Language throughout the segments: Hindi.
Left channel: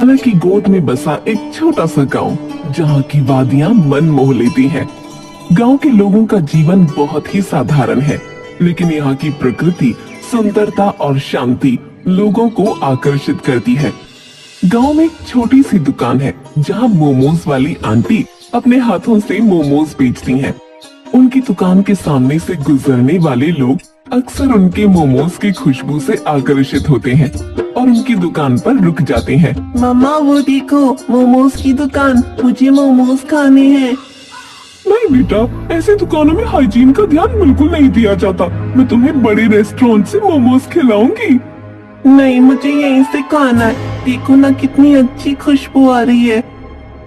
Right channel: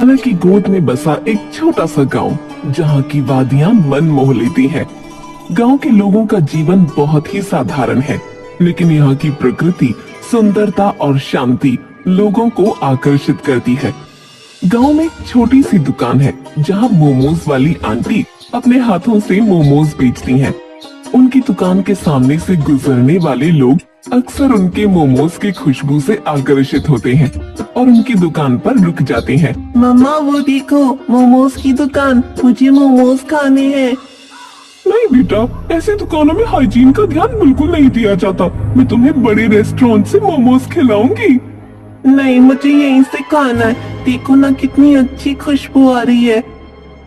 हालांकि गोद में बसा एक छोटा सा गांव जहां की वादियां मन मोह लेती हैं। गांव के लोगों का जीवन बहुत ही साधारण है, लेकिन यहाँ की प्रकृति, सुंदरता और शांति लोगों को आकर्षित करती है। गांव में एक छोटी सी दुकान है जहां मोमोज वाली आंटी अपने हाथों से मोमोज बेचती हैं। उनकी दुकान के सामने से गुजरने वाले लोग अक्सर उनके मोमोज की खुशबू से आकर्षित होते हैं और उनकी दुकान पर रुक जाते हैं। मम्मा वो देखो, मोमोज की दुकान, मुझे मोमोज खाने हैं। नहीं बेटा, ऐसी दुकानों में हाइजीन का ध्यान बिल्कुल नहीं दिया जाता। मैं तुम्हें बड़े रेस्टोरेंट से मोमोज खिलाऊंगी। नहीं, मुझे यहीं से खाना है। देखो ना कितनी अच्छी खुशबू आ रही है।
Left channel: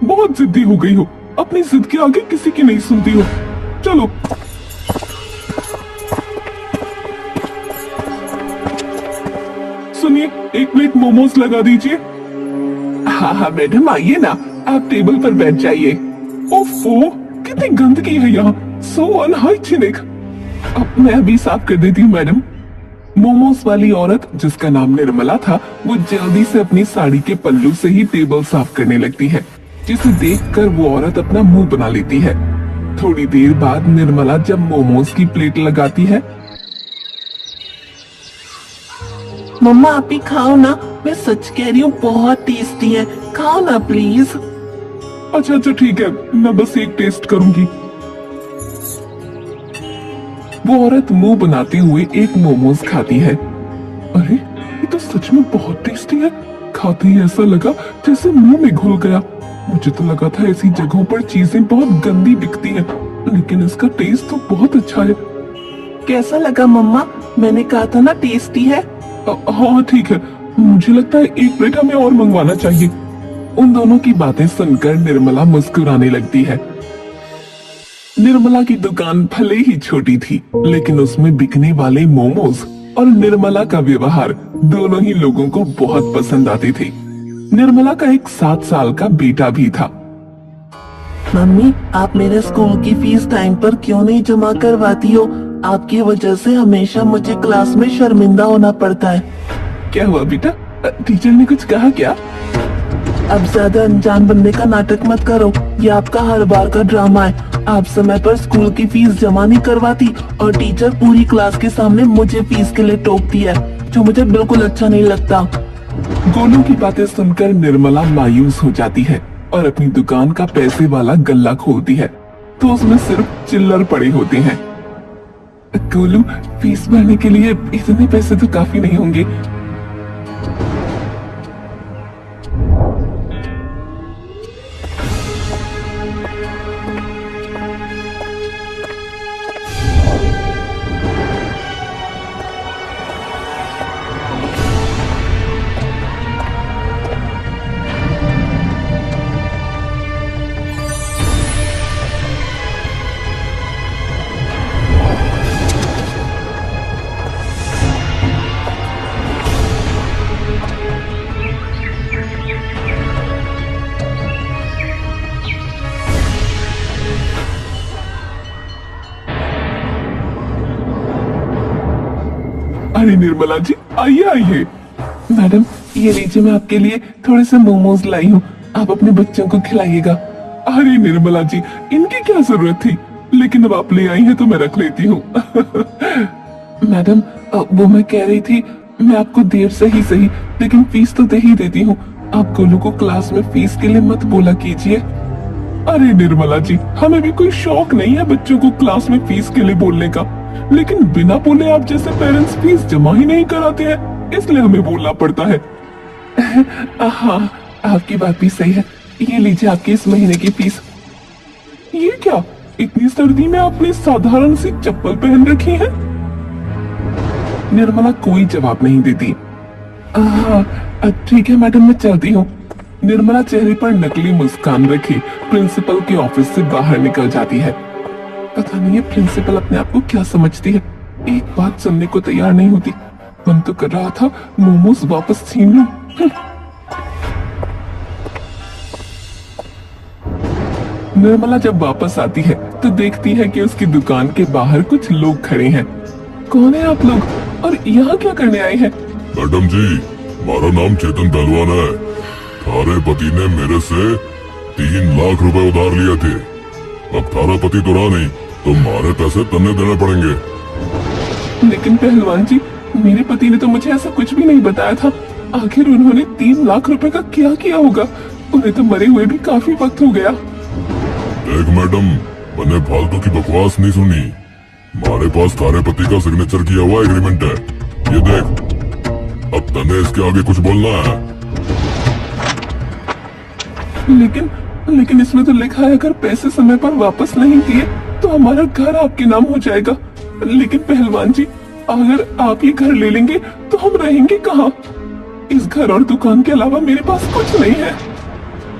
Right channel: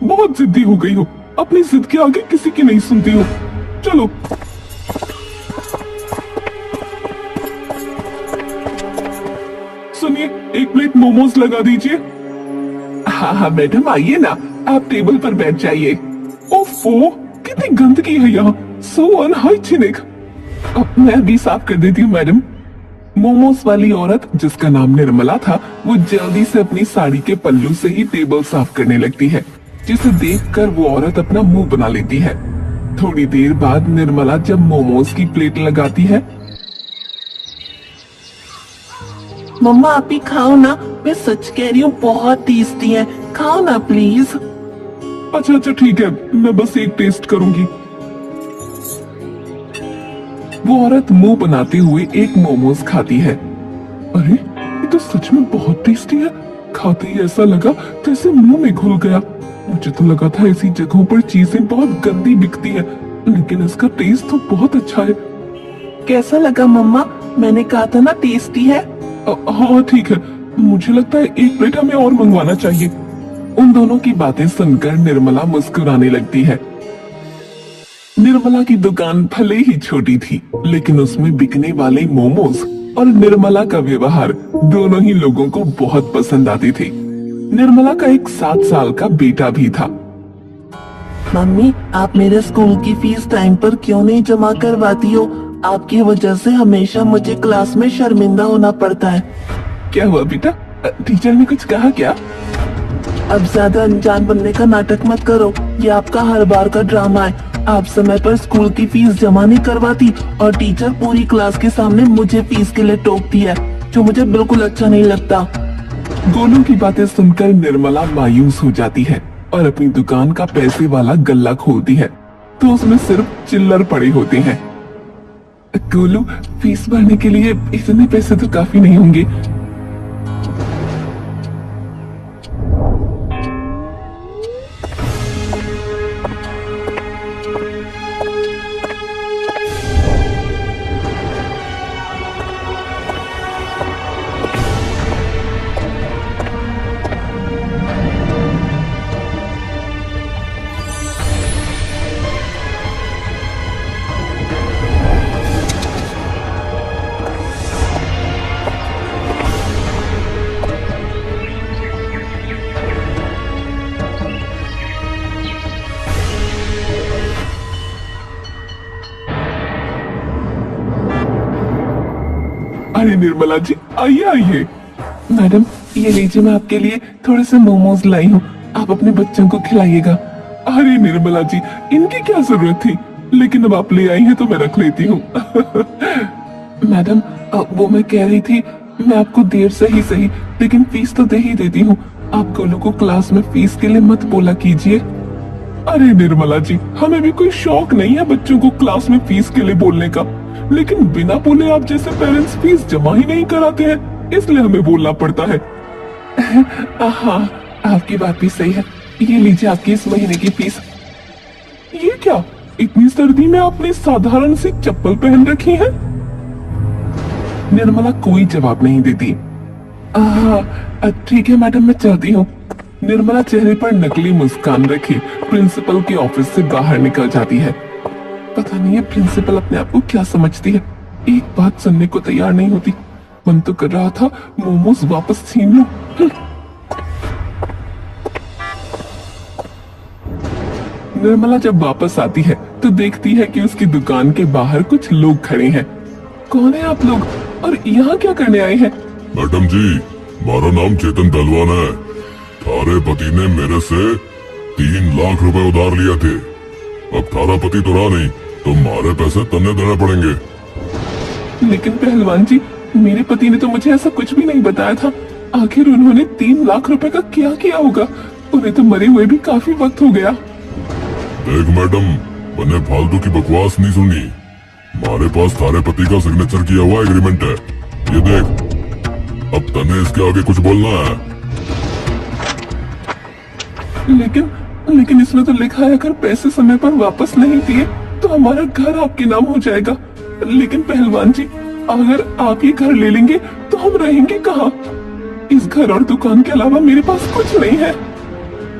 बहुत जिद्दी हो गई हो, अपनी जिद के आगे किसी की नहीं सुनती हो। चलो। सुनिए, एक प्लेट मोमोज लगा दीजिए। हाँ मैडम, आइए ना, आप टेबल पर बैठ जाइए। ओफो, कितनी गंदगी है यहाँ, सो अनहाइजीनिक। अब मैं भी साफ कर देती हूँ मैडम। मोमोज वाली औरत, जिसका नाम निर्मला था, वो जल्दी से अपनी साड़ी के पल्लू से ही टेबल साफ करने लगती है, जिसे देखकर वो औरत अपना मुंह बना लेती है। थोड़ी देर बाद निर्मला जब मोमोज की प्लेट लगाती है। मम्मा आप ही खाओ ना, मैं सच कह रही हूँ, बहुत टेस्टी है, खाओ ना प्लीज। अच्छा ठीक है, मैं बस एक टेस्ट करूंगी। वो औरत मुंह बनाते हुए एक मोमोज खाती है। अरे, ये तो सच में बहुत टेस्टी है। खाते ही ऐसा लगा जैसे मुंह में घुल गया। मुझे तो लगा था ऐसी जगहों पर चीजें बहुत गंदी बिकती हैं, लेकिन इसका टेस्ट तो बहुत अच्छा है। कैसा लगा मम्मा? मैंने कहा था ना टेस्टी है। हाँ ठीक है, मुझे लगता है एक प्लेट हमें और मंगवाना चाहिए। उन दोनों की बातें सुनकर निर्मला मुस्कुराने लगती है। निर्मला की दुकान भले ही छोटी थी, लेकिन उसमें बिकने वाले मोमोज और निर्मला का व्यवहार दोनों ही लोगों को बहुत पसंद आती थी। निर्मला का एक 7 साल का बेटा भी था। मम्मी, आप मेरे स्कूल की फीस टाइम पर क्यों नहीं जमा करवाती हो? आपकी वजह से हमेशा मुझे क्लास में शर्मिंदा होना पड़ता है। क्या हुआ बेटा, टीचर ने कुछ कहा क्या? अब ज्यादा अनजान बनने का नाटक मत करो, ये आपका हर बार का ड्रामा है। आप समय पर स्कूल की फीस जमा नहीं करवाती और टीचर पूरी क्लास के सामने मुझे फीस के लिए टोकती है, जो मुझे बिल्कुल अच्छा नहीं लगता। गोलू की बातें सुनकर निर्मला मायूस हो जाती है और अपनी दुकान का पैसे वाला गल्ला खोलती है, तो उसमें सिर्फ चिल्लर पड़े होते हैं। गोलू, फीस भरने के लिए इतने पैसे तो काफी नहीं होंगे। अरे निर्मला जी, आइए आइए। मैडम, ये लीजिए, मैं आपके लिए थोड़े से मोमोज लाई हूँ, आप अपने बच्चों को खिलाइएगा। अरे निर्मला जी, इनकी क्या जरूरत थी, लेकिन अब आप ले आई हैं तो मैं रख लेती हूँ। मैडम, वो मैं कह रही थी, मैं आपको देर से ही सही, लेकिन फीस तो दे ही देती हूँ। आप गोलू को क्लास में फीस के लिए मत बोला कीजिए। अरे निर्मला जी, हमें भी कोई शौक नहीं है बच्चों को क्लास में फीस के लिए बोलने का, लेकिन बिना बोले आप जैसे पेरेंट्स फीस जमा ही नहीं कराते हैं, इसलिए हमें बोलना पड़ता है। हाँ, आपकी बात भी सही है। ये लीजिए आपकी इस महीने की फीस। ये क्या, इतनी सर्दी में आपने साधारण सी चप्पल पहन रखी है? निर्मला कोई जवाब नहीं देती। अब ठीक है मैडम, मैं चलती हूँ। निर्मला चेहरे पर नकली मुस्कान रखे प्रिंसिपल के ऑफिस से बाहर निकल जाती है। पता नहीं है प्रिंसिपल अपने आप को क्या समझती है, एक बात सुनने को तैयार नहीं होती। मन तो कर रहा था मोमोज वापस छीन लो। निर्मला जब वापस आती है तो देखती है कि उसकी दुकान के बाहर कुछ लोग खड़े हैं। कौन है आप लोग और यहाँ क्या करने आए हैं? मैडम जी, हमारा नाम चेतन पहलवान है। थारे पति ने मेरे से 3 लाख रुपए उधार लिए थे। अब थारा पति तो रहा नहीं, तुम्हारे पैसे तन्ने देने पड़ेंगे। लेकिन पहलवान जी, मेरे पति ने तो मुझे ऐसा कुछ भी नहीं बताया था। आखिर उन्होंने 3 लाख रुपए का क्या किया होगा? उन्हें तो मरे हुए भी काफी वक्त हो गया। देख मैडम, मैंने फालतू की बकवास नहीं सुनी। हमारे पास थारे पति का सिग्नेचर किया हुआ एग्रीमेंट है, ये देख। अब तने इसके आगे कुछ बोलना है? लेकिन इसमें तो लिखा है अगर पैसे समय पर वापस नहीं दिए तो हमारा घर आपके नाम हो जाएगा। लेकिन पहलवान जी, अगर आप ये घर ले लेंगे तो हम रहेंगे कहाँ? इस घर और दुकान के अलावा मेरे पास कुछ नहीं है।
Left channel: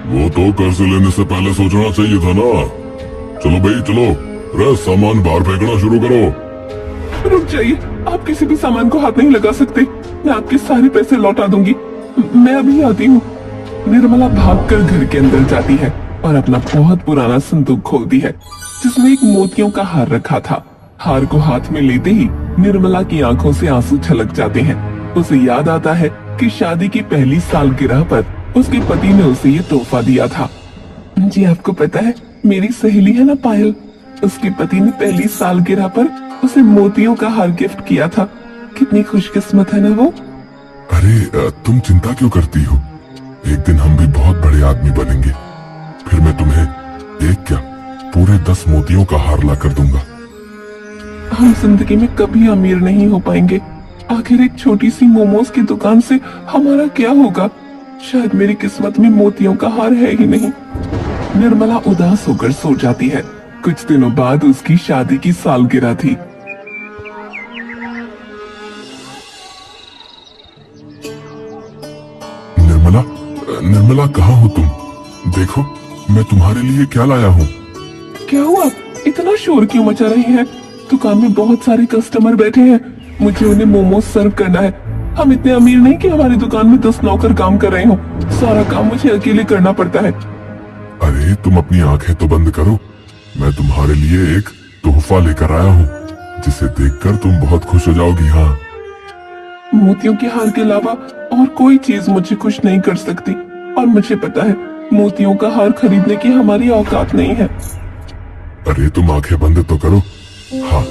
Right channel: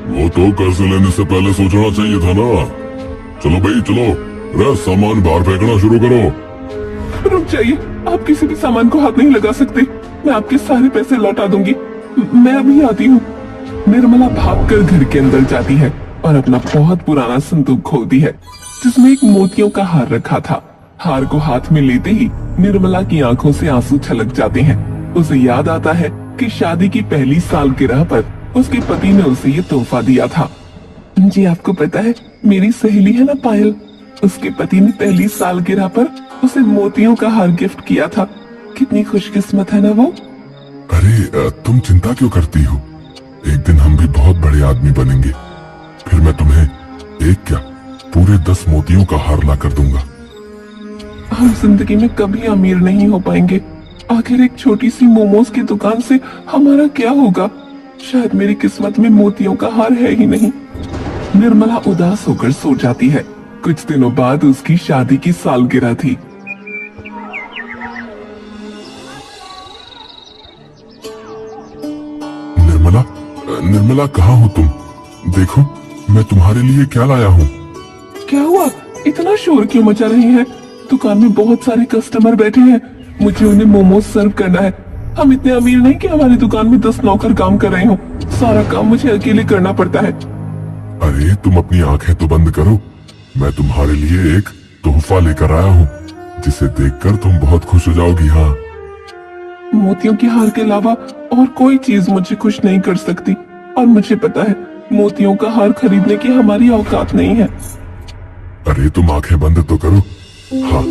वो तो कर्ज लेने से पहले सोचना चाहिए था ना। चलो भाई चलो, रे सामान बाहर फेंकना शुरू करो। रुक जाइए, आप किसी भी सामान को हाथ नहीं लगा सकते। मैं आपके सारे पैसे लौटा दूंगी। मैं अभी आती हूँ। निर्मला भागकर घर के अंदर जाती है और अपना बहुत पुराना संदूक खोलती है जिसमें एक मोतियों का हार रखा था। हार को हाथ में लेते ही निर्मला की आंखों से आंसू छलक जाते हैं। उसे याद आता है कि शादी की पहली सालगिरह पर उसके पति ने उसे ये तोहफा दिया था। जी आपको पता है, मेरी सहेली है ना पायल, उसके पति ने पहली सालगिरह पर उसे मोतियों का हार गिफ्ट किया था। कितनी खुशकिस्मत है ना वो। अरे तुम चिंता क्यों करती हो? एक दिन हम भी बहुत बड़े आदमी बनेंगे, फिर मैं तुम्हें एक क्या पूरे 10 मोतियों का हार ला कर दूंगा। हम जिंदगी में कभी अमीर नहीं हो पाएंगे। आखिर एक छोटी सी मोमोज की दुकान से हमारा क्या होगा? शायद मेरी किस्मत में मोतियों का हार है ही नहीं। निर्मला उदास होकर सो जाती है। कुछ दिनों बाद उसकी शादी की सालगिरह थी। निर्मला कहाँ हो तुम? देखो मैं तुम्हारे लिए क्या लाया हूँ। क्या हुआ? इतना शोर क्यों मचा रही है? दुकान में बहुत सारे कस्टमर बैठे हैं, मुझे उन्हें मोमोज सर्व करना है। हम इतने अमीर नहीं कि हमारी दुकान में 10 नौकर काम कर रहे हो। सारा काम मुझे अकेले करना पड़ता है। अरे तुम अपनी आंखें तो बंद करो, मैं तुम्हारे लिए एक तोहफा लेकर आया हूँ जिसे देखकर तुम बहुत खुश हो जाओगी। हाँ, मोतियों के हार के अलावा और कोई चीज मुझे खुश नहीं कर सकती, और मुझे पता है मोतियों का हार खरीदने की हमारी औकात नहीं है। अरे तुम आंखें बंद तो करो। हाँ,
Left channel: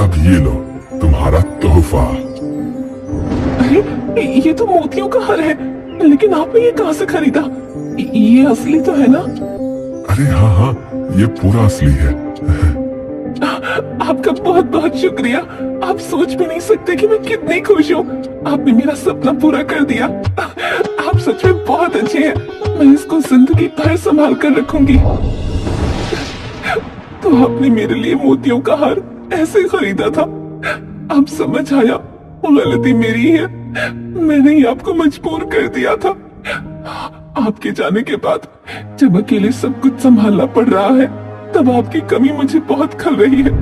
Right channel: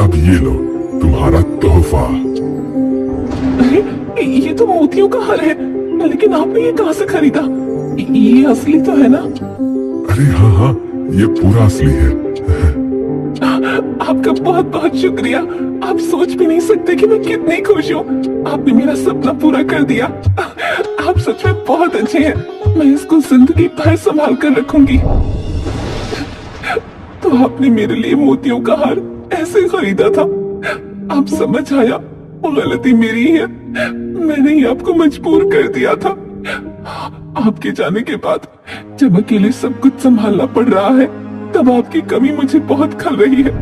अब ये लो तुम्हारा तोहफा। अरे ये तो मोतियों का हार है, लेकिन आपने ये कहाँ से खरीदा? ये असली तो है ना? अरे हाँ हाँ, ये पूरा असली है। आपका बहुत बहुत शुक्रिया। आप सोच भी नहीं सकते कि मैं कितनी खुश हूँ। आपने मेरा सपना पूरा कर दिया। आप सच में बहुत अच्छे हैं। मैं इसको जिंदगी भर संभाल कर रखूंगी। तो आपने मेरे लिए मोतियों का हार ऐसे खरीदा था। अब समझ आया, वो गलती मेरी है। मैंने ही आपको मजबूर कर दिया था। आपके जाने के बाद जब अकेले सब कुछ संभालना पड़ रहा है, तब आपकी कमी मुझे बहुत खल रही है।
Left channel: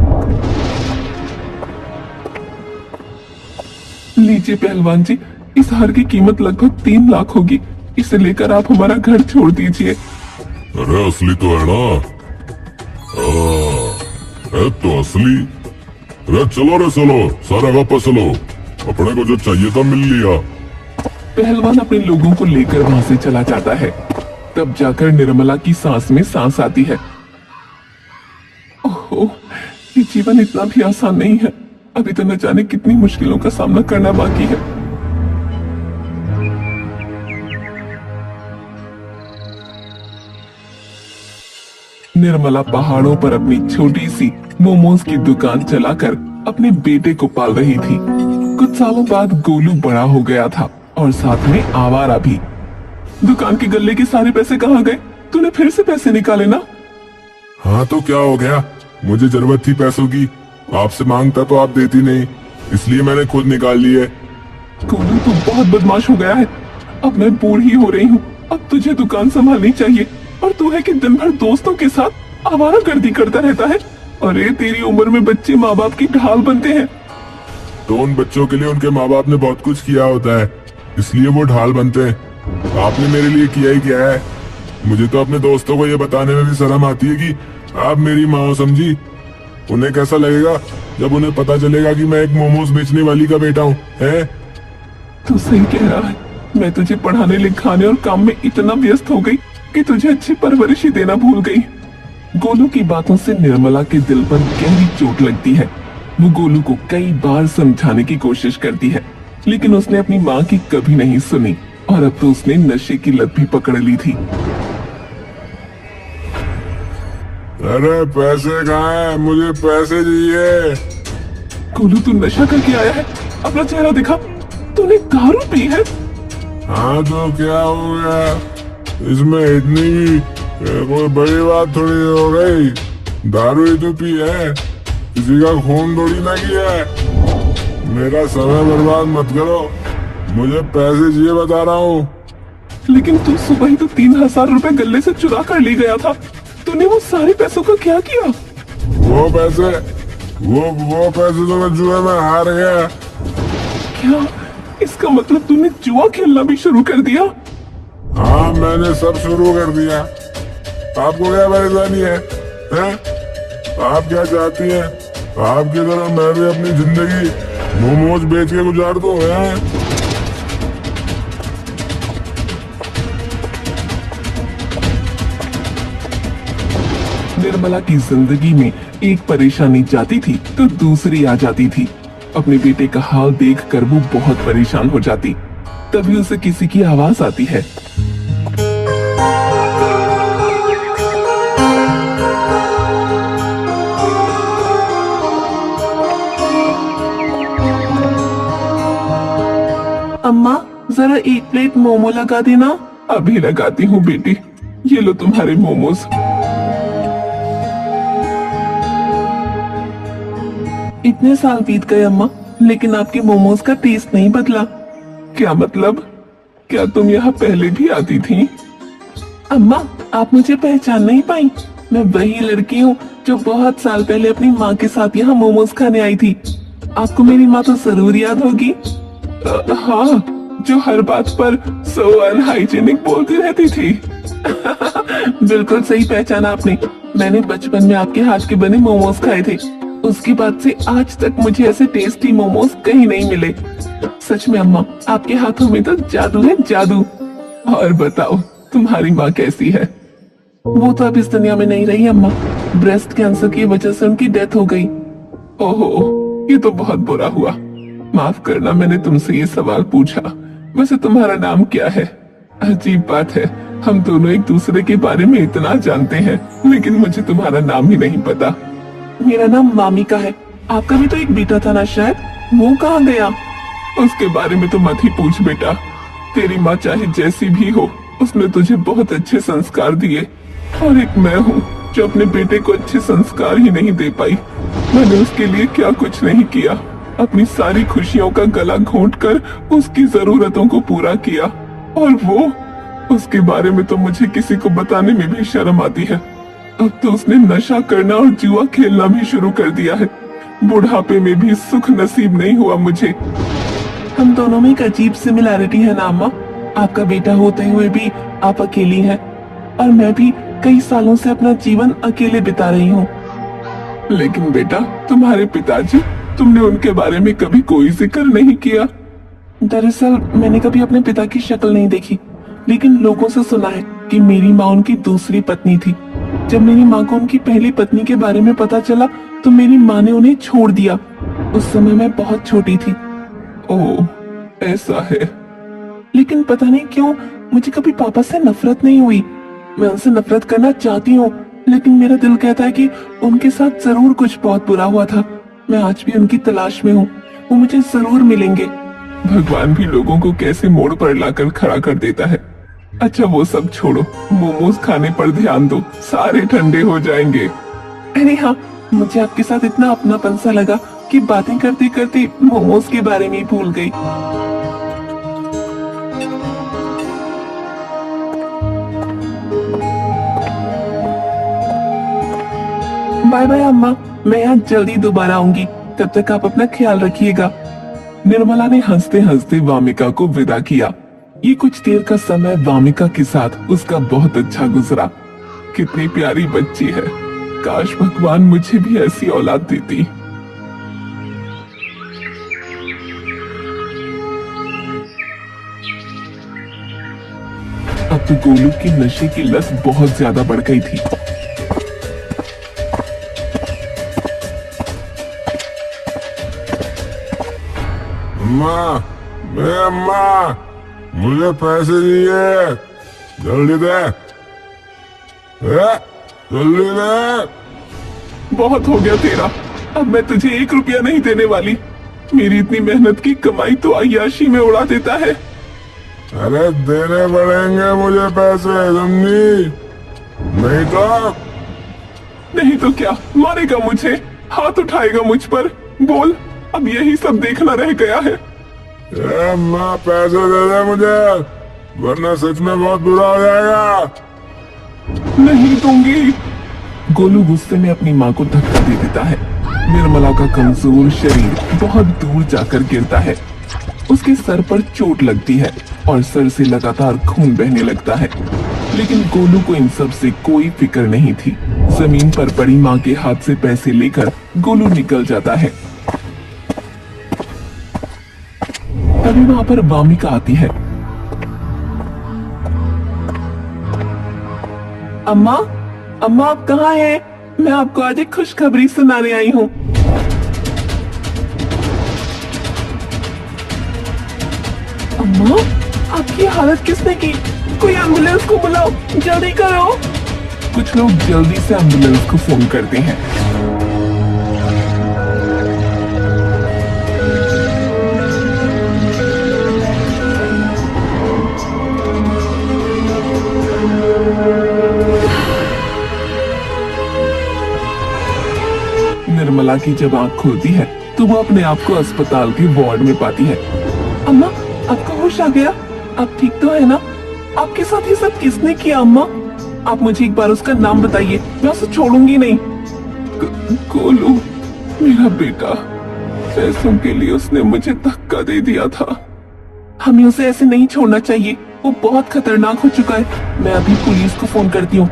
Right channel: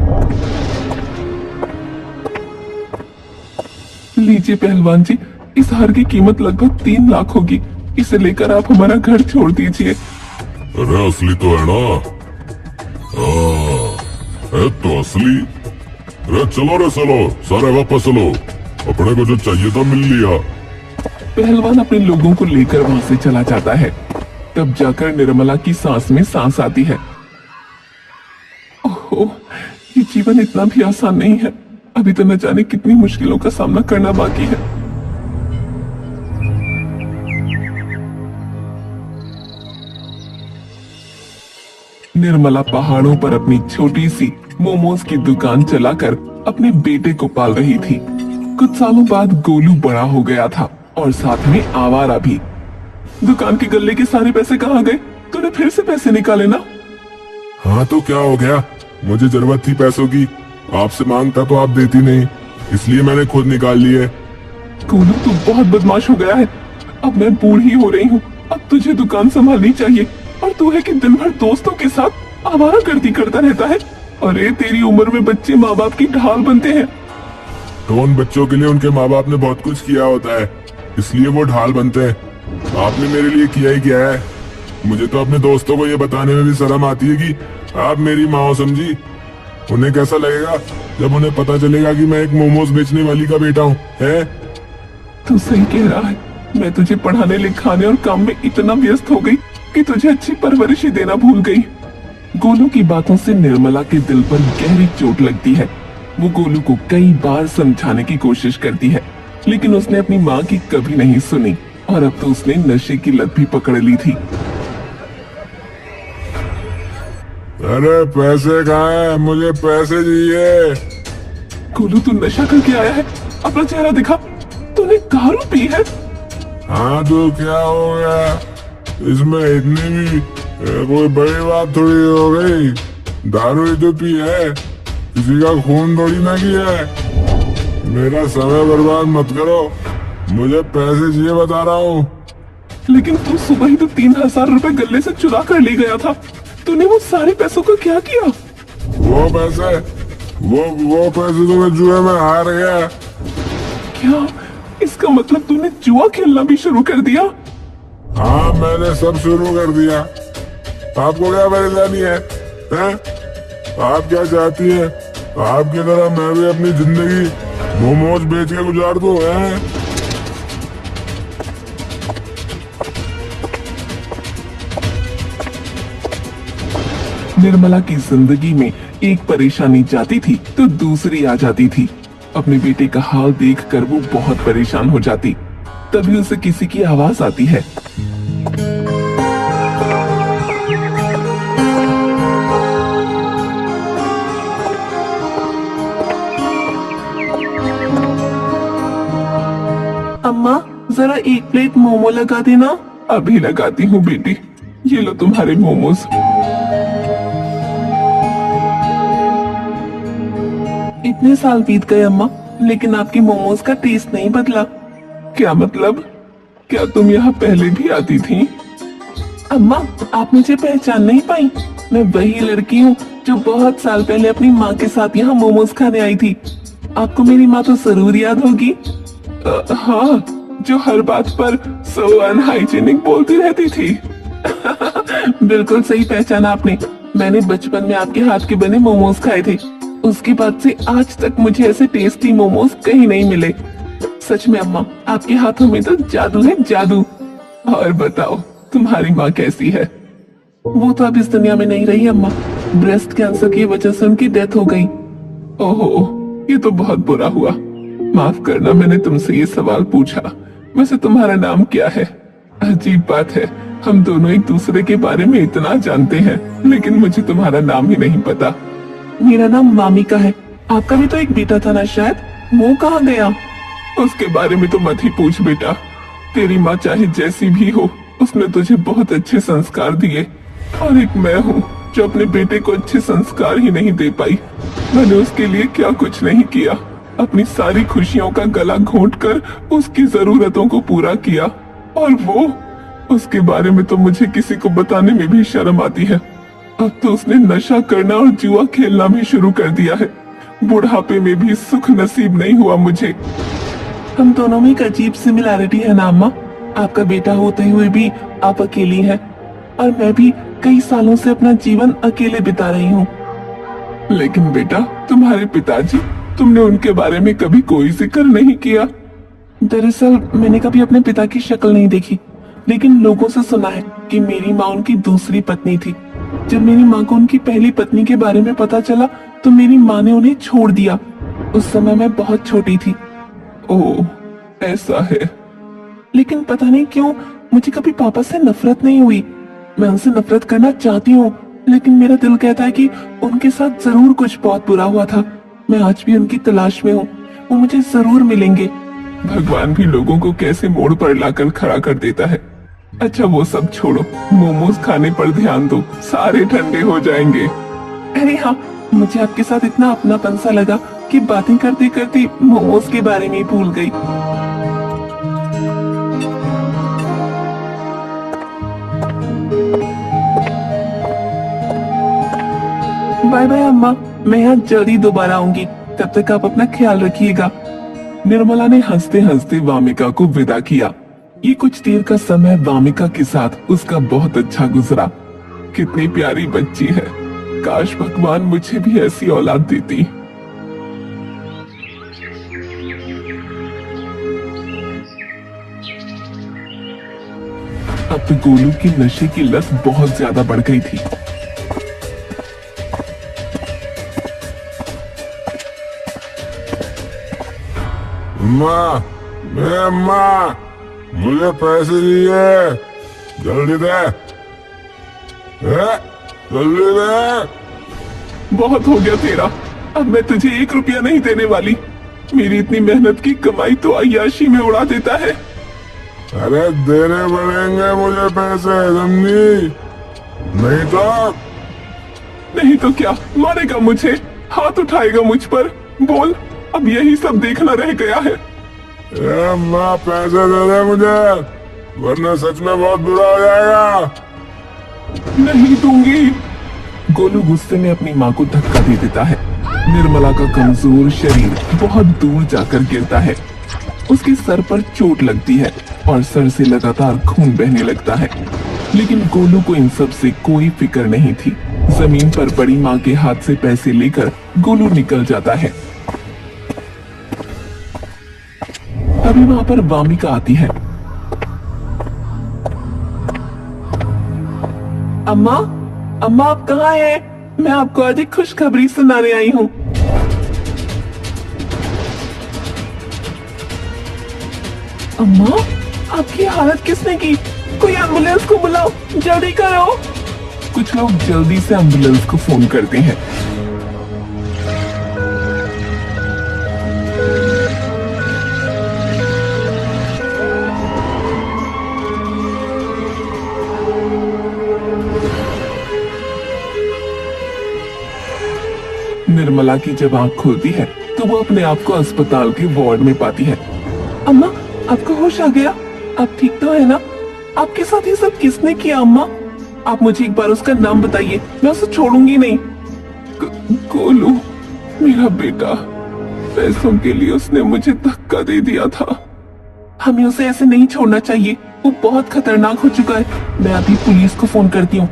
लीजिए पहलवान जी, इस हार की कीमत लगभग 3 लाख होगी। इसे लेकर आप हमारा घर छोड़ दीजिए। अरे असली तो है ना? है तो असली। अरे चलो रे चलो, सारे वापस चलो। अपने को जो चाहिए था मिल लिया। पहलवान अपने लोगों को लेकर वहां से चला जाता है। तब जाकर निर्मला की सांस में सांस आती है। ओह, ये जीवन इतना भी आसान नहीं है। अभी तो न जाने कितनी मुश्किलों का सामना करना बाकी है। निर्मला पहाड़ों पर अपनी छोटी सी मोमोज की दुकान चलाकर अपने बेटे को पाल रही थी। कुछ सालों बाद गोलू बड़ा हो गया था और साथ में आवारा भी। दुकान के गल्ले के सारे पैसे कहाँ गए? तूने फिर से पैसे निकाले ना? हाँ तो क्या हो गया, मुझे जरूरत थी पैसों की। आपसे मांगता तो आप देती नहीं, इसलिए मैंने खुद निकाल लिए। गोलू तो बहुत बदमाश हो गया है। अब मैं बूढ़ी हो रही हूँ, अब तुझे दुकान संभालनी चाहिए। और तू है कि दिन भर दोस्तों के साथ आवारागर्दी करता रहता है। अरे तेरी उम्र में बच्चे माँ बाप की ढाल बनते हैं। तो उन बच्चों के लिए उनके माँ बाप ने बहुत कुछ किया होता है, इसलिए वो ढाल बनते हैं। आपने मेरे लिए किया ही क्या है? मुझे तो अपने दोस्तों को ये बताने में भी शर्म आती है कि आप मेरी माँ हो, समझी? उन्हें कैसा लगेगा जब उन्हें पता चलेगा कि मैं एक मोमोज बेचने वाली का बेटा हूँ? है तू सही कह रहा है। मैं तुझे पढ़ाने लिखाने और काम में इतना व्यस्त हो गई कि तुझे अच्छी परवरिश ही देना भूल गई। गोलू की बातों से निर्मला के दिल पर गहरी चोट लगती है। वो गोलू को कई बार समझाने की कोशिश करती है, लेकिन उसने अपनी माँ की कभी नहीं सुनी और अब तो उसने नशे की लत भी पकड़ ली थी। अरे पैसे कहाँ हैं? मुझे पैसे चाहिए। गोलू तू नशा करके आया है, अपना चेहरा दिखा। तूने दारू पी है? हाँ तो क्या हो गया? इसमें इतनी भी कोई बड़ी बात थोड़ी हो गई। दारू ही तो पी है, किसी का खून थोड़ी ना किया है। मेरा समय बर्बाद मत करो, मुझे पैसे चाहिए बता रहा हूँ। लेकिन तू सुबह ही तो 3,000 रुपए गले से चुरा कर ले गया था। तूने वो सारे पैसों का क्या किया? वो पैसे तो मैं जुए में हार गया। क्या इसका मतलब तूने जुआ खेलना भी शुरू कर दिया? हाँ मैंने सब शुरू कर दिया। आपको क्या परेशानी है? आप क्या चाहती हैं? आपकी तरह मैं भी अपनी जिंदगी मोमोज बेच के गुजार दूं? निर्मला की जिंदगी में एक परेशानी जाती थी तो दूसरी आ जाती थी। अपने बेटे का हाल देखकर वो बहुत परेशान हो जाती। तभी उसे किसी की आवाज आती है। अम्मा जरा एक प्लेट मोमो लगा देना। अभी लगाती हूँ बेटी, ये लो तुम्हारे मोमोज। इतने साल बीत गए अम्मा, लेकिन आपके मोमोज का टेस्ट नहीं बदला। क्या मतलब? क्या तुम यहाँ पहले भी आती थी? अम्मा आप मुझे पहचान नहीं पाई? मैं वही लड़की हूँ जो बहुत साल पहले अपनी माँ के साथ यहाँ मोमोज खाने आई थी। आपको मेरी माँ तो जरूर याद होगी। हाँ, जो हर बात पर सो अनहाइजीनिक बोलती रहती थी। बिल्कुल सही पहचाना आपने। मैंने बचपन में आपके हाथ के बने मोमोज खाए थे। उसके बाद से आज तक मुझे ऐसे टेस्टी मोमोज कहीं नहीं मिले। सच में अम्मा, आपके हाथों में तो जादू है, जादू। और बताओ, तुम्हारी माँ कैसी है? वो तो अब इस दुनिया में नहीं रही अम्मा। ब्रेस्ट कैंसर की वजह से उनकी डेथ हो गई। ओहो, ये तो बहुत बुरा हुआ। माफ करना मैंने तुमसे ये सवाल पूछा। वैसे तुम्हारा नाम क्या है? अजीब बात है, हम दोनों एक दूसरे के बारे में इतना जानते हैं, लेकिन मुझे तुम्हारा नाम ही नहीं पता। मेरा नाम वामिका है। आपका भी तो एक बेटा था ना शायद, वो कहाँ गया? उसके बारे में तो मत ही पूछ बेटा। तेरी माँ चाहे जैसी भी हो, उसने तुझे बहुत अच्छे संस्कार दिए, और एक मैं हूँ जो अपने बेटे को अच्छे संस्कार ही नहीं दे पाई। मैंने उसके लिए क्या कुछ नहीं किया, अपनी सारी खुशियों का गला घोंटकर उसकी जरूरतों को पूरा किया, और वो, उसके बारे में तो मुझे किसी को बताने में भी शर्म आती है। अब तो उसने नशा करना और जुआ खेलना भी शुरू कर दिया है। बुढ़ापे में भी सुख नसीब नहीं हुआ मुझे। हम दोनों में एक अजीब सिमिलैरिटी है ना अम्मा। आपका बेटा होते हुए भी आप अकेली हैं, और मैं भी कई सालों से अपना जीवन अकेले बिता रही हूँ। लेकिन बेटा, तुम्हारे पिताजी, तुमने उनके बारे में कभी कोई जिक्र नहीं किया। दरअसल मैंने कभी अपने पिता की शक्ल नहीं देखी, लेकिन लोगों से सुना है कि मेरी माँ उनकी दूसरी पत्नी थी। जब मेरी माँ को उनकी पहली पत्नी के बारे में पता चला तो मेरी माँ ने उन्हें छोड़ दिया। उस समय मैं बहुत छोटी थी। ओह, ऐसा है। लेकिन पता नहीं क्यों मुझे कभी पापा से नफरत नहीं हुई। मैं उनसे नफरत करना चाहती हूँ, लेकिन मेरा दिल कहता है कि उनके साथ जरूर कुछ बहुत बुरा हुआ था। मैं आज भी उनकी तलाश में हूँ, वो मुझे जरूर मिलेंगे। भगवान भी लोगों को कैसे मोड़ पर लाकर खड़ा कर देता है। अच्छा वो सब छोड़ो, मोमोज खाने पर ध्यान दो, सारे ठंडे हो जाएंगे। अरे हाँ, मुझे आपके साथ इतना अपनापन सा लगा कि बातें करते करते मोमोज के बारे में भूल गई। बाय बाय अम्मा, मैं यहाँ जल्दी दोबारा आऊंगी। तब तक आप अपना ख्याल रखिएगा। निर्मला ने हंसते हंसते वामिका को विदा किया। ये कुछ देर का समय वामिका के साथ उसका बहुत अच्छा गुजरा। कितनी प्यारी बच्ची है, काश भगवान मुझे भी ऐसी औलाद देती। अब तो गोलू की नशे की लत बहुत ज्यादा बढ़ गई थी। अम्मा, अम्मा, मुझे पैसे चाहिए, जल्दी दे, जल्दी दे। बहुत हो गया तेरा, अब मैं तुझे 1 रुपया नहीं देने वाली। मेरी इतनी मेहनत की कमाई तो अय्याशी में उड़ा देता है। अरे देने पड़ेंगे मुझे पैसे, समझी? नहीं तो क्या मारेगा मुझे, हाथ उठाएगा मुझ पर? बोल, अब यही सब देखना रह गया है। अम्मा पैसे दे दे मुझे, वरना सच में बहुत बुरा हो जाएगा। नहीं दूंगी। गोलू गुस्से में अपनी माँ को धक्का दे देता है। निर्मला का कमजोर शरीर बहुत दूर जाकर गिरता है। उसके सर पर चोट लगती है और सर से लगातार खून बहने लगता है। लेकिन गोलू को इन सब से कोई फिक्र नहीं थी। जमीन पर पड़ी माँ के हाथ से पैसे लेकर गोलू निकल जाता है। तभी वहां पर वामिका आती है। अम्मा, अम्मा आप कहाँ हैं? मैं आपको आज एक खुशखबरी सुनाने आई हूँ। अम्मा, आपकी हालत किसने की? कोई एम्बुलेंस को बुलाओ, जल्दी करो। कुछ लोग जल्दी से एम्बुलेंस को फोन करते हैं। निर्मला की जब आंख खुलती है तो वो अपने आप को अस्पताल के वार्ड में पाती है। अम्मा, आपको होश आ गया? आप ठीक तो है ना? आपके साथ ये सब किसने किया अम्मा? आप मुझे एक बार उसका नाम बताइए, मैं उसे छोड़ूंगी नहीं। गोलू, मेरा बेटा, पैसों के लिए उसने मुझे धक्का दे दिया था। हमें उसे ऐसे नहीं छोड़ना चाहिए, वो बहुत खतरनाक हो चुका है। मैं अभी पुलिस को फोन करती हूँ।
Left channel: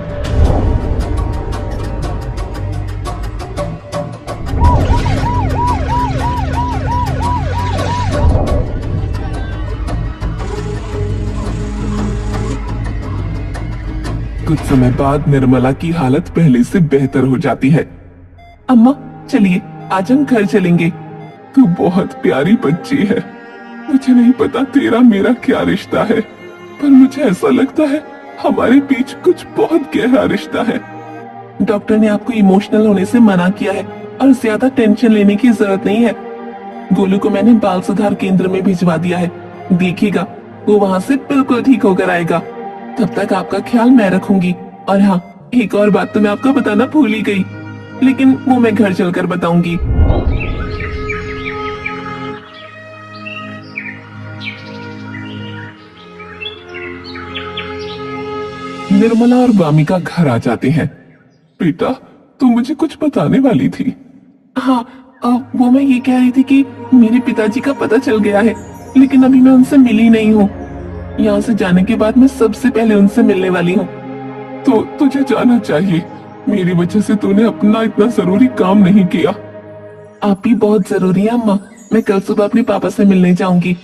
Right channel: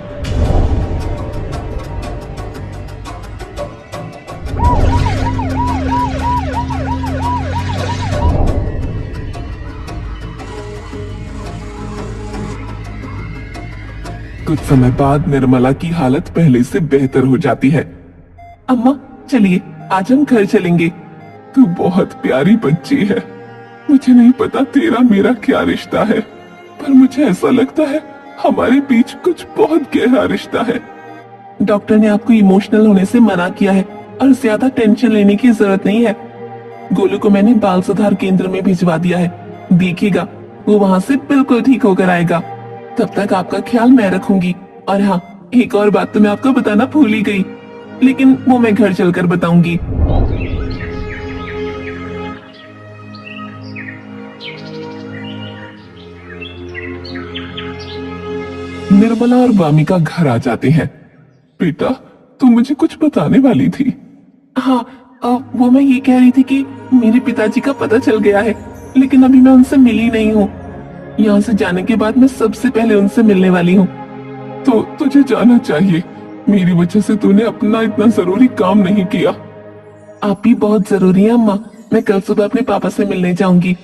कुछ समय बाद निर्मला की हालत पहले से बेहतर हो जाती है। अम्मा चलिए, आज हम घर चलेंगे। तू बहुत प्यारी बच्ची है। मुझे नहीं पता तेरा मेरा क्या रिश्ता है, पर मुझे ऐसा लगता है हमारे बीच कुछ बहुत गहरा रिश्ता है। डॉक्टर ने आपको इमोशनल होने से मना किया है और ज्यादा टेंशन लेने की जरूरत नहीं है। गोलू को मैंने बाल सुधार केंद्र में भिजवा दिया है। देखिएगा, वो वहाँ से बिल्कुल ठीक होकर आएगा। तब तक आपका ख्याल मैं रखूंगी। और हाँ, एक और बात तो मैं आपको बताना भूल ही गई, लेकिन वो मैं घर चलकर बताऊंगी। निर्मला और वामिका घर आ जाते हैं। बेटा, तू मुझे कुछ बताने वाली थी। हाँ, वो मैं ये कह रही थी कि मेरे पिताजी का पता चल गया है, लेकिन अभी मैं उनसे मिली नहीं हूँ। यहाँ से जाने के बाद मैं सबसे पहले उनसे मिलने वाली हूँ। तो तुझे जाना चाहिए, मेरी वजह से तूने अपना इतना जरूरी काम नहीं किया। आप भी बहुत जरूरी है अम्मा। मैं कल सुबह अपने पापा से मिलने जाऊंगी।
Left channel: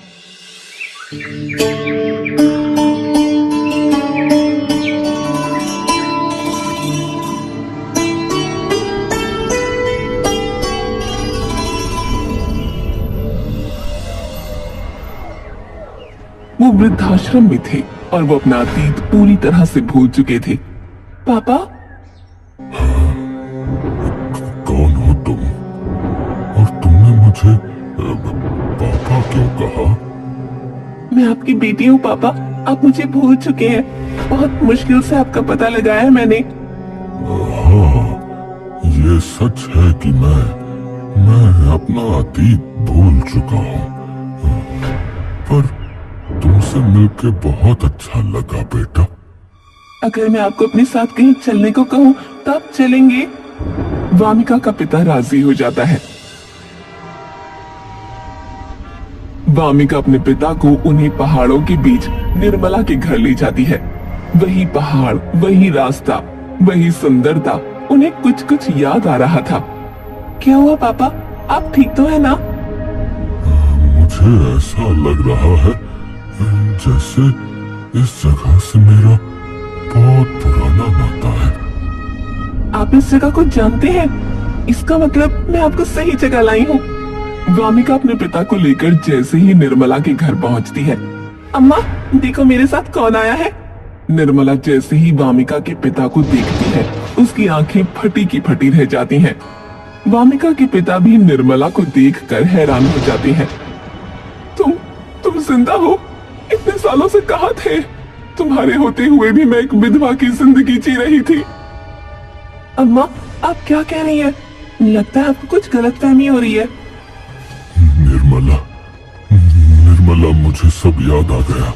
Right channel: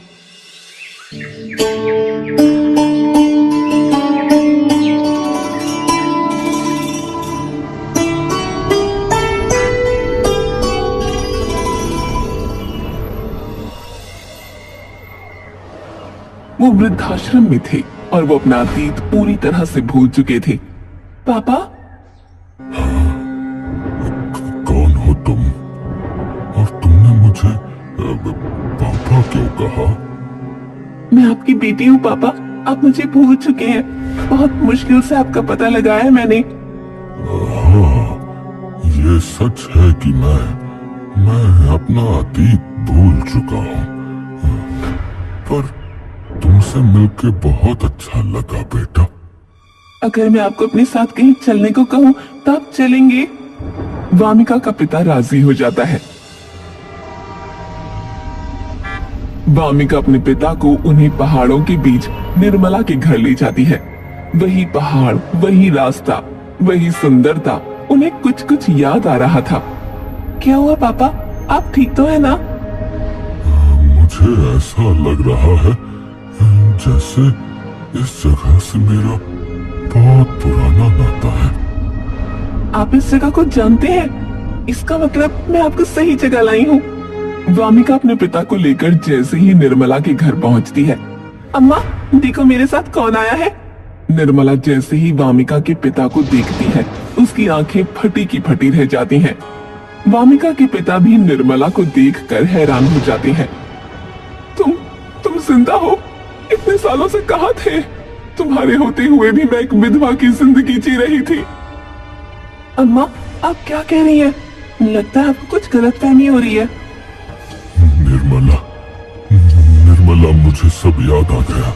वो वृद्धाश्रम में थे और वो अपना अतीत पूरी तरह से भूल चुके थे। पापा, कौन हो तुम? और तुमने मुझे पापा क्यों कहा? मैं आपकी बेटी हूँ पापा। आप मुझे भूल चुके हैं। बहुत मुश्किल से आपका पता लगाया मैंने। हाँ, ये सच है कि मैं अपना अतीत भूल चुका हूँ, पर तुमसे मिलकर बहुत अच्छा लगा बेटा। अगर मैं आपको अपने साथ कहीं चलने को कहूँ तो आप चलेंगे? वामिका का पिता राजी हो जाता है। वामिका अपने पिता को उन्हीं पहाड़ों के बीच निर्मला के घर ले जाती है। वही पहाड़, वही रास्ता, वही सुंदरता, उन्हें कुछ कुछ याद आ रहा था। क्या हुआ पापा, आप ठीक तो है ना? मुझे ऐसा लग रहा है इस जगह से मेरा बहुत पुराना नाता है। आप इस जगह को जानते हैं? इसका मतलब मैं आपको सही जगह लाई हूँ। वामिका अपने पिता को लेकर जैसे ही निर्मला के घर पहुंचती है, अम्मा देखो मेरे साथ कौन आया है। निर्मला जैसे ही वामिका के पिता को देखती है, उसकी आंखें फटी की फटी रह जाती हैं। वामिका के पिता भी निर्मला को देखकर हैरान हो जाती हैं। तुम जिंदा हो? इतने सालों से कहाँ थे? तुम्हारे होते हुए भी मैं एक विधवा की जिंदगी जी रही थी। अम्मा आप क्या कह रही है? लगता है आपको कुछ गलतफहमी हो रही है। निर्मला मुझे सब याद आ गया।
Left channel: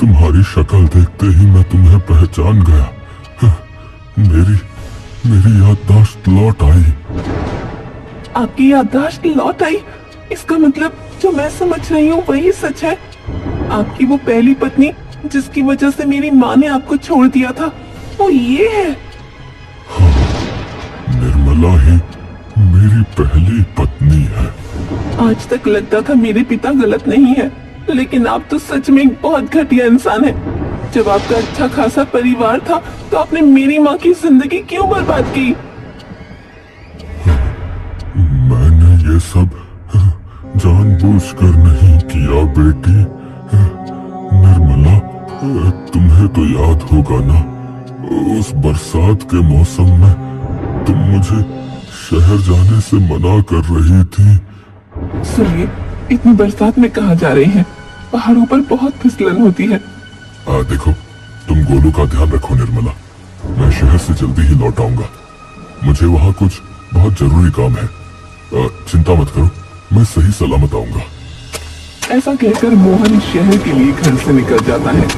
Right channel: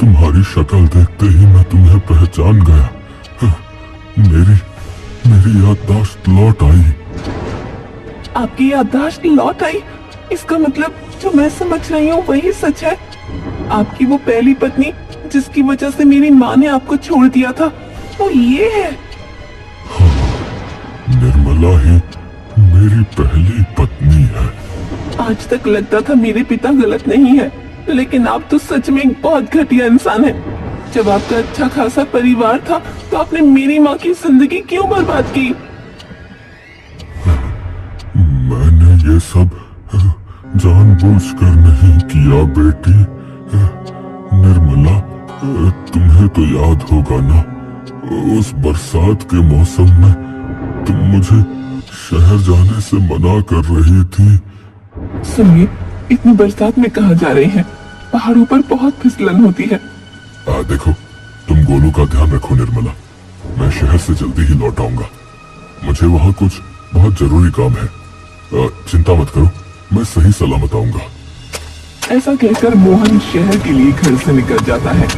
तुम्हारी शक्ल देखते ही मैं तुम्हें पहचान गया। मेरी याददाश्त लौट आई। आपकी याददाश्त लौट आई? इसका मतलब जो मैं समझ रही हूँ वही सच है। आपकी वो पहली पत्नी जिसकी वजह से मेरी माँ ने आपको छोड़ दिया था, वो ये है। निर्मला ही मेरी पहली पत्नी है। आज तक लगता था मेरे पिता गलत नहीं है, लेकिन आप तो सच में एक बहुत घटिया इंसान है। जब आपका अच्छा खासा परिवार था तो आपने मेरी माँ की जिंदगी क्यों बर्बाद की? मैंने ये सब जानबूझकर नहीं किया बेटी। निर्मला, तुम्हें तो याद होगा ना, उस बरसात के मौसम में तुम मुझे शहर जाने से मना कर रही थी। सुनिए, इतनी बरसात में कहाँ जा रहे हैं? पहाड़ों पर बहुत फिसलन होती है। देखो, तुम गोलू का ध्यान रखो निर्मला। मैं शहर से जल्दी ही लौट आऊंगा। मुझे वहाँ कुछ बहुत जरूरी काम है। चिंता मत करो, मैं सही सलामत आऊंगा। ऐसा कहकर मोहन शहर के लिए घर से निकल जाता है।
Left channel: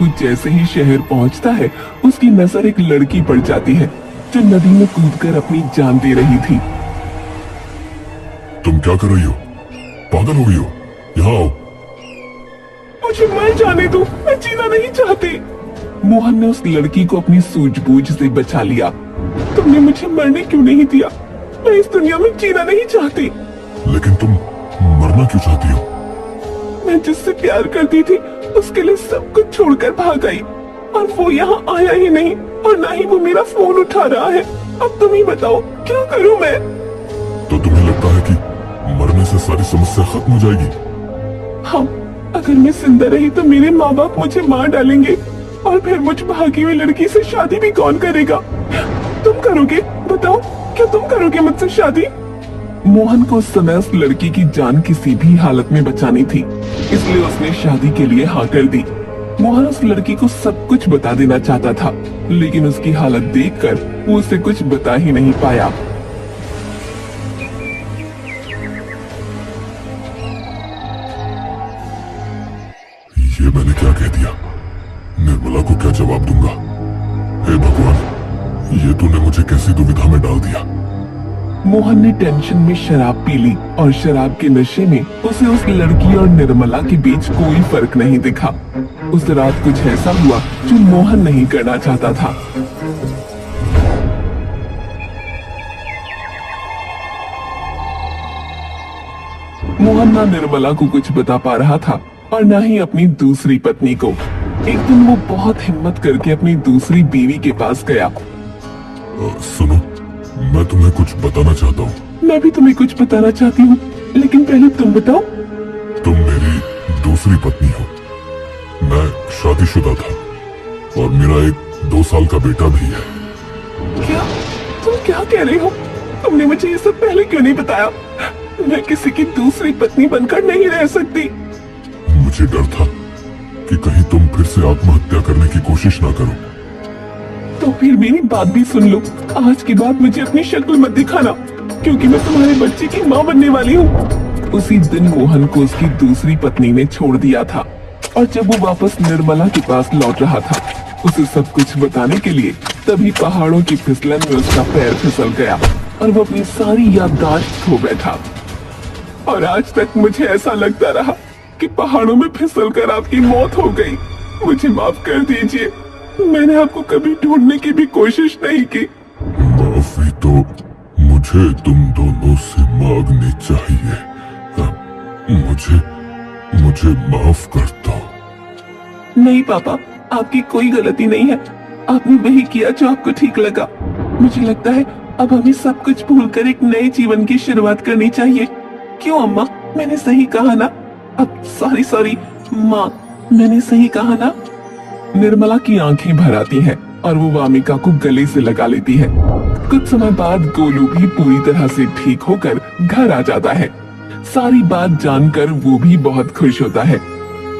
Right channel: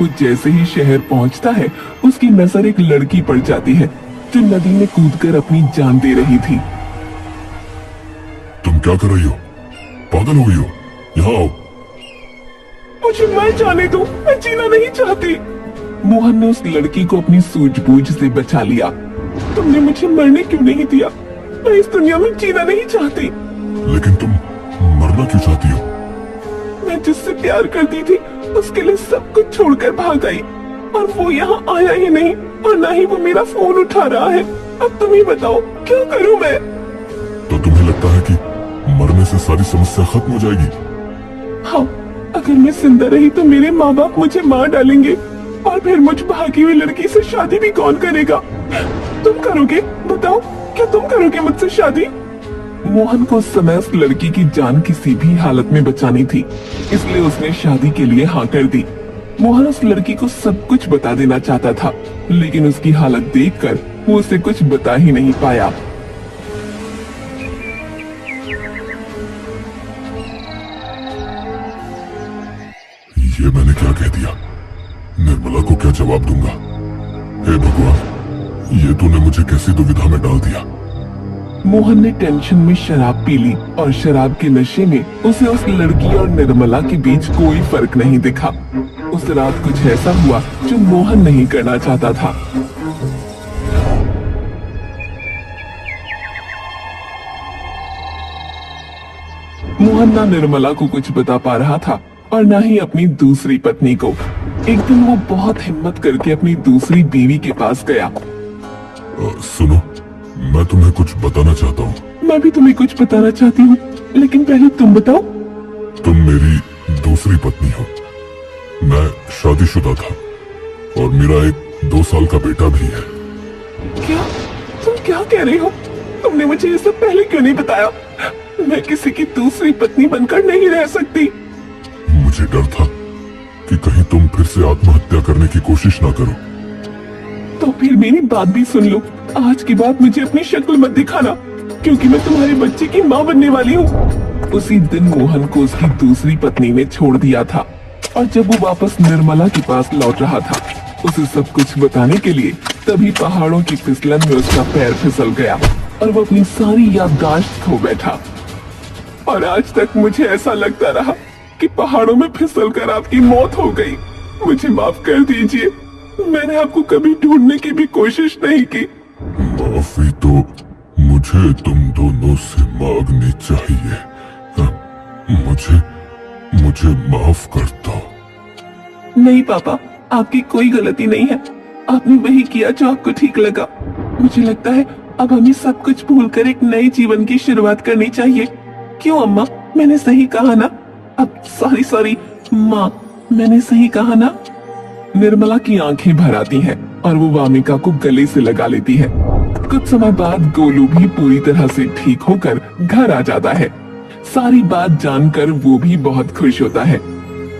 वो जैसे ही शहर पहुंचता है, उसकी नजर एक लड़की पड़ जाती है जो नदी में कूदकर अपनी जान दे रही थी। तुम क्या कर रही हो? पागल हो गई हो? यहाँ आओ। मुझे मर जाने दो, मैं जीना नहीं चाहती। मोहन ने उस लड़की को अपनी सूझबूझ से बचा लिया। तुमने मुझे मरने क्यों नहीं दिया? मैं इस दुनिया में जीना नहीं चाहती। लेकिन तुम मरना क्यों चाहती हो? मैं जिससे प्यार करती थी उसके लिए सब कुछ छोड़कर भाग आई, और वो यहाँ आया ही नहीं, और ना ही वो मेरा फोन उठा रहा है। अब तुम ही बताओ क्या करूं मैं? तो तुम्हें लगता है कि मरने से सारी समस्या खत्म हो जाएगी? हाँ, अगर मैं जिंदा रही तो मेरे माँ बाप मुझे मार डालेंगे, और फिर मुझ भागी हुई लड़की से शादी भी कौन करेगा? तुम करोगे? बताओ, क्या तुम करोगे मुझसे शादी? मोहन को उस समय उस लड़की की जान किसी भी हालत में बचानी थी, इसलिए उसने शादी के लिए हाँ कर दी। मोहन उस लड़की को सब कुछ बता देना चाहता था, लेकिन उसकी हालत देखकर वो उसे कुछ बता ही नहीं पाया। ये मैंने क्या कह दिया? निर्मला को क्या जवाब दूंगा? हे भगवान, ये तूने मुझे कैसी दुविधा में डाल दिया। मोहन ने टेंशन में शराब पी ली, और शराब के नशे में उसे उस लड़की और निर्मला के बीच कोई फर्क नहीं दिखा। उस रात कुछ ऐसा हुआ जो मोहन नहीं करना चाहता था। मोहन ना निर्मला को कुछ बता पा रहा था, और ना ही अपनी दूसरी पत्नी को। एक दिन वो बहुत हिम्मत करके अपनी दूसरी बीवी के पास गया। सुनो, मैं तुम्हें कुछ बताना चाहता हूँ। मैं भी तुम्हें कुछ बताना चाहती हूँ, लेकिन पहले तुम बताओ। तुम मेरी दूसरी पत्नी हो। मैं शादीशुदा था, और मेरा एक 2 साल का बेटा भी है। क्या? तुम क्या कह रही हो? तुमने मुझे ये सब पहले क्यों नहीं बताया? मैं किसी की दूसरी पत्नी बनकर नहीं रह सकती। मुझे डर था कि कहीं तुम फिर से आत्महत्या करने की कोशिश ना करो। तो फिर मेरी बात भी सुन लो। आज के बाद मुझे अपनी शक्ल मत दिखाना, क्योंकि मैं तुम्हारे बच्चे की माँ बनने वाली हूँ। उसी दिन मोहन को उसकी दूसरी पत्नी ने छोड़ दिया था, और जब वो वापस निर्मला के पास लौट रहा था उसे सब कुछ बताने के लिए, तभी पहाड़ों की फिसलन में उसका पैर फिसल गया और वो अपनी सारी याददाश्त खो बैठा। और आज तक मुझे ऐसा लगता रहा कि पहाड़ों में फिसलकर आपकी मौत हो गई। मुझे माफ कर दीजिए, मैंने आपको कभी ढूंढने की भी कोशिश नहीं की। माफ माफी तो मुझे तुम दोनों से मांगनी चाहिए। मुझे माफ कर दो। नहीं पापा, आपकी कोई गलती नहीं है। आपने वही किया जो आपको ठीक लगा। मुझे लगता है अब हमें सब कुछ भूलकर एक नए जीवन की शुरुआत करनी चाहिए। क्यों अम्मा, मैंने सही कहा ना? अब सॉरी माँ, मैंने सही कहा ना? निर्मला की आंखें भर आती हैं और वो वामिका को गले से लगा लेती है। कुछ समय बाद गोलू भी पूरी तरह से ठीक होकर घर आ जाता है। सारी बात जानकर वो भी बहुत खुश होता है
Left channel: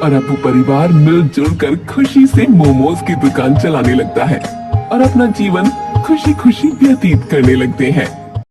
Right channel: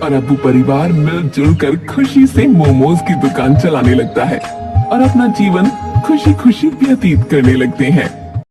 और अब वो परिवार मिलजुल कर खुशी से मोमोज की दुकान चलाने लगता है और अपना जीवन खुशी खुशी व्यतीत करने लगते हैं।